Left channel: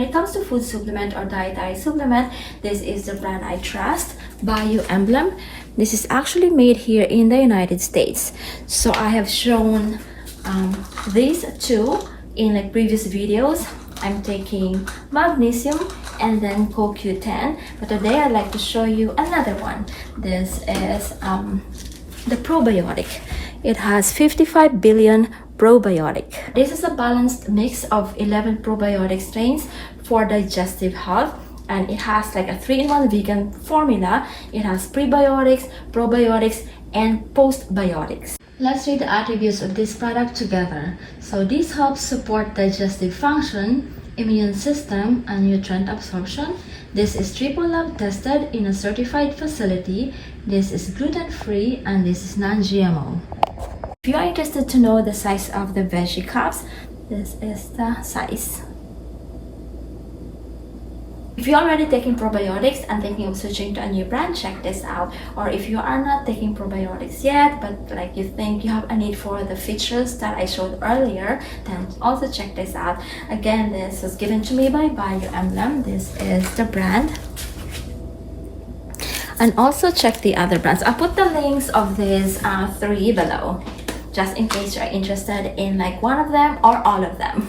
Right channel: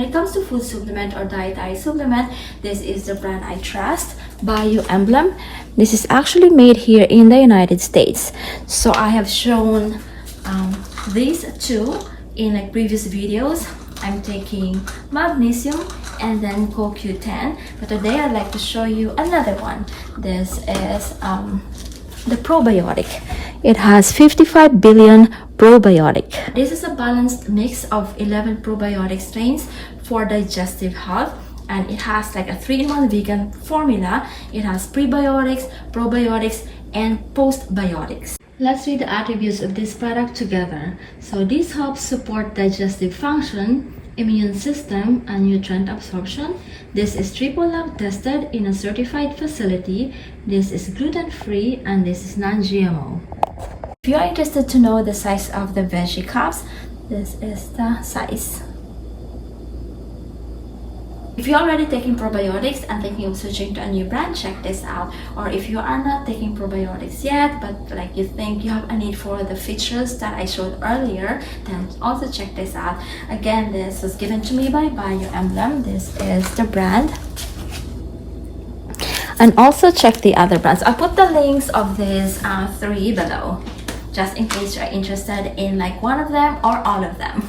When it comes to food supplement or dietary supplement, this is the brand I trust, Bioemblem. This is actually made here in the United States. So I have shown these two in like previous videos. I'm taking magnesium and then CoQ10, but today I'd like to show you another one. This is the probiotic. It has 55 billion probiotic. This is a balanced mix of 11 probiotic strains for digestive health, and it has like a 3-in-1 vegan formula. It has prebiotics, probiotics, and postbiotics. Let's read the attributes of this product together. So this helps support digestive function, immune system, and nutrient absorption. This is triple lab tested in a certified facility. This is gluten-free, and this is non-GMO. If you are interested to know the size of the veggie cups, this is the size. If you're already taking probiotics and thinking of switching to a new brand, check this out. Or if you are not taking probiotics yet, but like you think you have a need for the features that I showed earlier, then also check this out. Again, this was given to me by Bioemblem. This is the brand. And also check the other brands. I'll put the links of these 3 below, just in case you're interested in like one of them or all of them.